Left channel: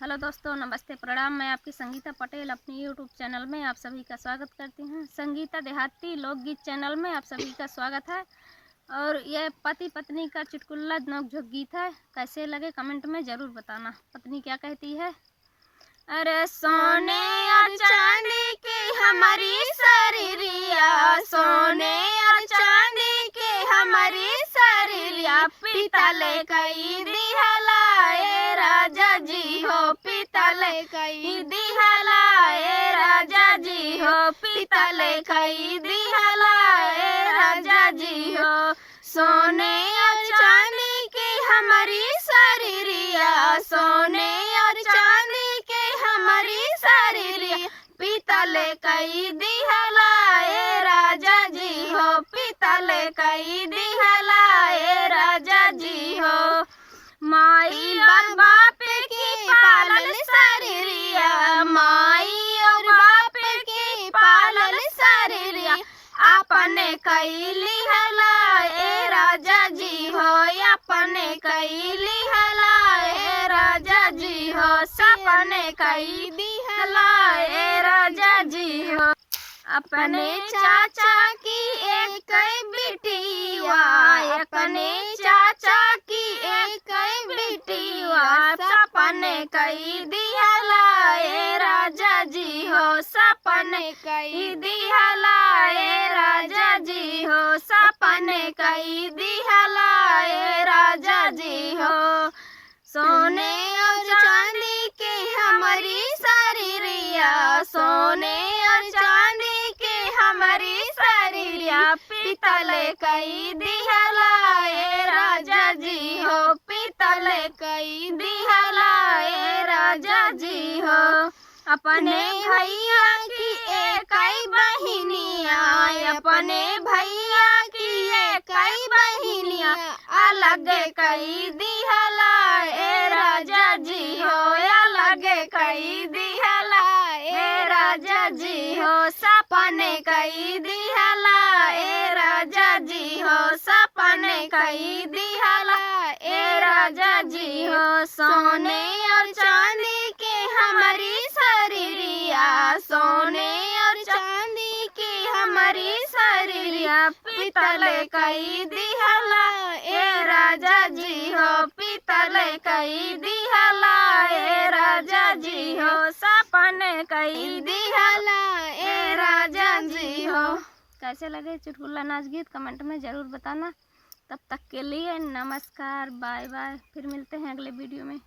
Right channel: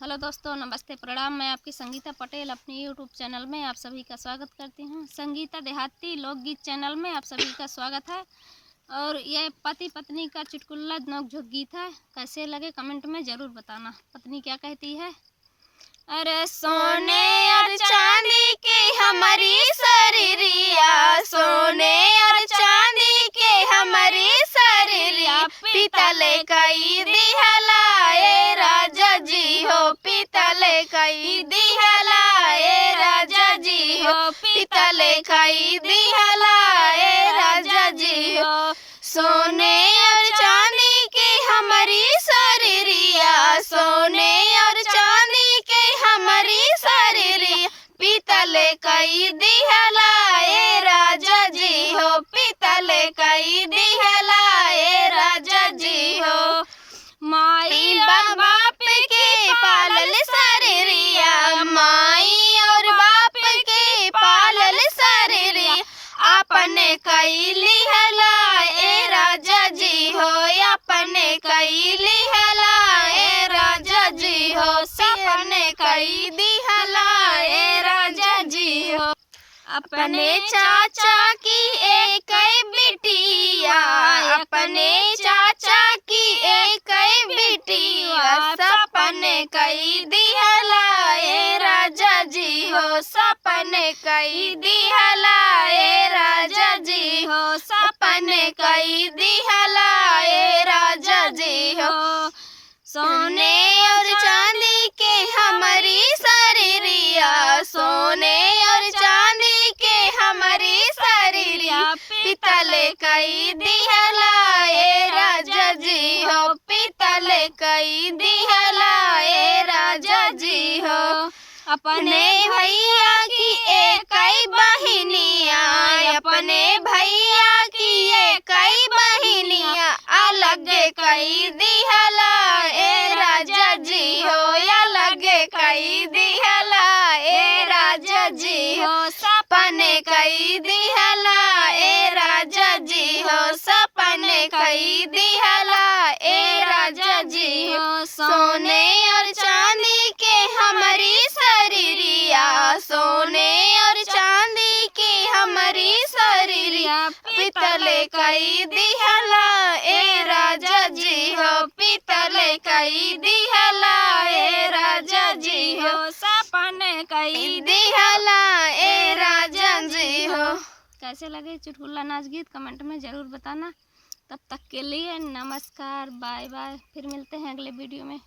Hello दोस्तों, नमस्ते, प्रणाम। मैं आपकी संगीता पटेल अपनी यूट्यूब चैनल में आप सभी का स्वागत करती हूँ। संगीता देहाती लोकगीत चैनल में आप सभी का स्वागत है। और यह पति पत्नी का चुटकुला नोकझोंक गीत है। कैसे लगे कमेंट में ज़रूर बताना। पत्नी क्या कहती है? अरे सोने और चांदी की हमारी शरीरिया, सोने और चांदी की हमारी शरीरिया, पीतल कई दिहलाए राजा जी हो, पीतल कई दिहलाए राजा जी हो, पीतल कई दिहलाए राजा जी हो। सोने और चांदी की हमारी शरीरिया, सोने और चांदी की हमारी शरीरिया, पीतल कई दिहलाए राजा जी हो, पीतल कई दिहलाए राजा जी हो। माई और बाप की पालल शरीरिया, माई और बाप की पालल शरीरिया, अपने कई लिहलाए राजा जी हो, अपने कई लिहलाए राजा जी हो, सपने कई दिहलाए राजा जी हो। अपने चाचा की एक बिटिया, अपने चाचा की एक बिटिया, सपने कई दिहलाए राजा जी हो, सपने कई दिहलाए राजा जी हो, सपने कई दिहलाए राजा जी हो। सोने और चांदी के हमारी शरीरिया, सोने और चांदी के हमारी शरीरिया, पीतल कई दिहलाए राजा जी हो, पीतल कई दिहलाए राजा जी हो। अपने भैया की एक बहिनिया, अपने भैया की एक बहिनिया, अलग कई दिहलाए राजा जी हो, अलग कई दिहलाए राजा जी हो, सपने कई दिहलाए राजा जी हो, सपने कई दिहलाए राजा जी हो। सोने और चांदी के हमारी शरीरिया, सोने और चांदी की हमारी शरीरिया, पीतल कई दिहलाए राजा जी हो, पीतल कई दिहलाए राजा जी हो, सपने कई दिहलाए राजा जी हो। कैसे लगे चुटकुला नाच गीत कमेंट में ज़रूर बताना। तब तक के लिए नमस्कार, बाय बाय। फिर मिलते हैं अगले वीडियो में।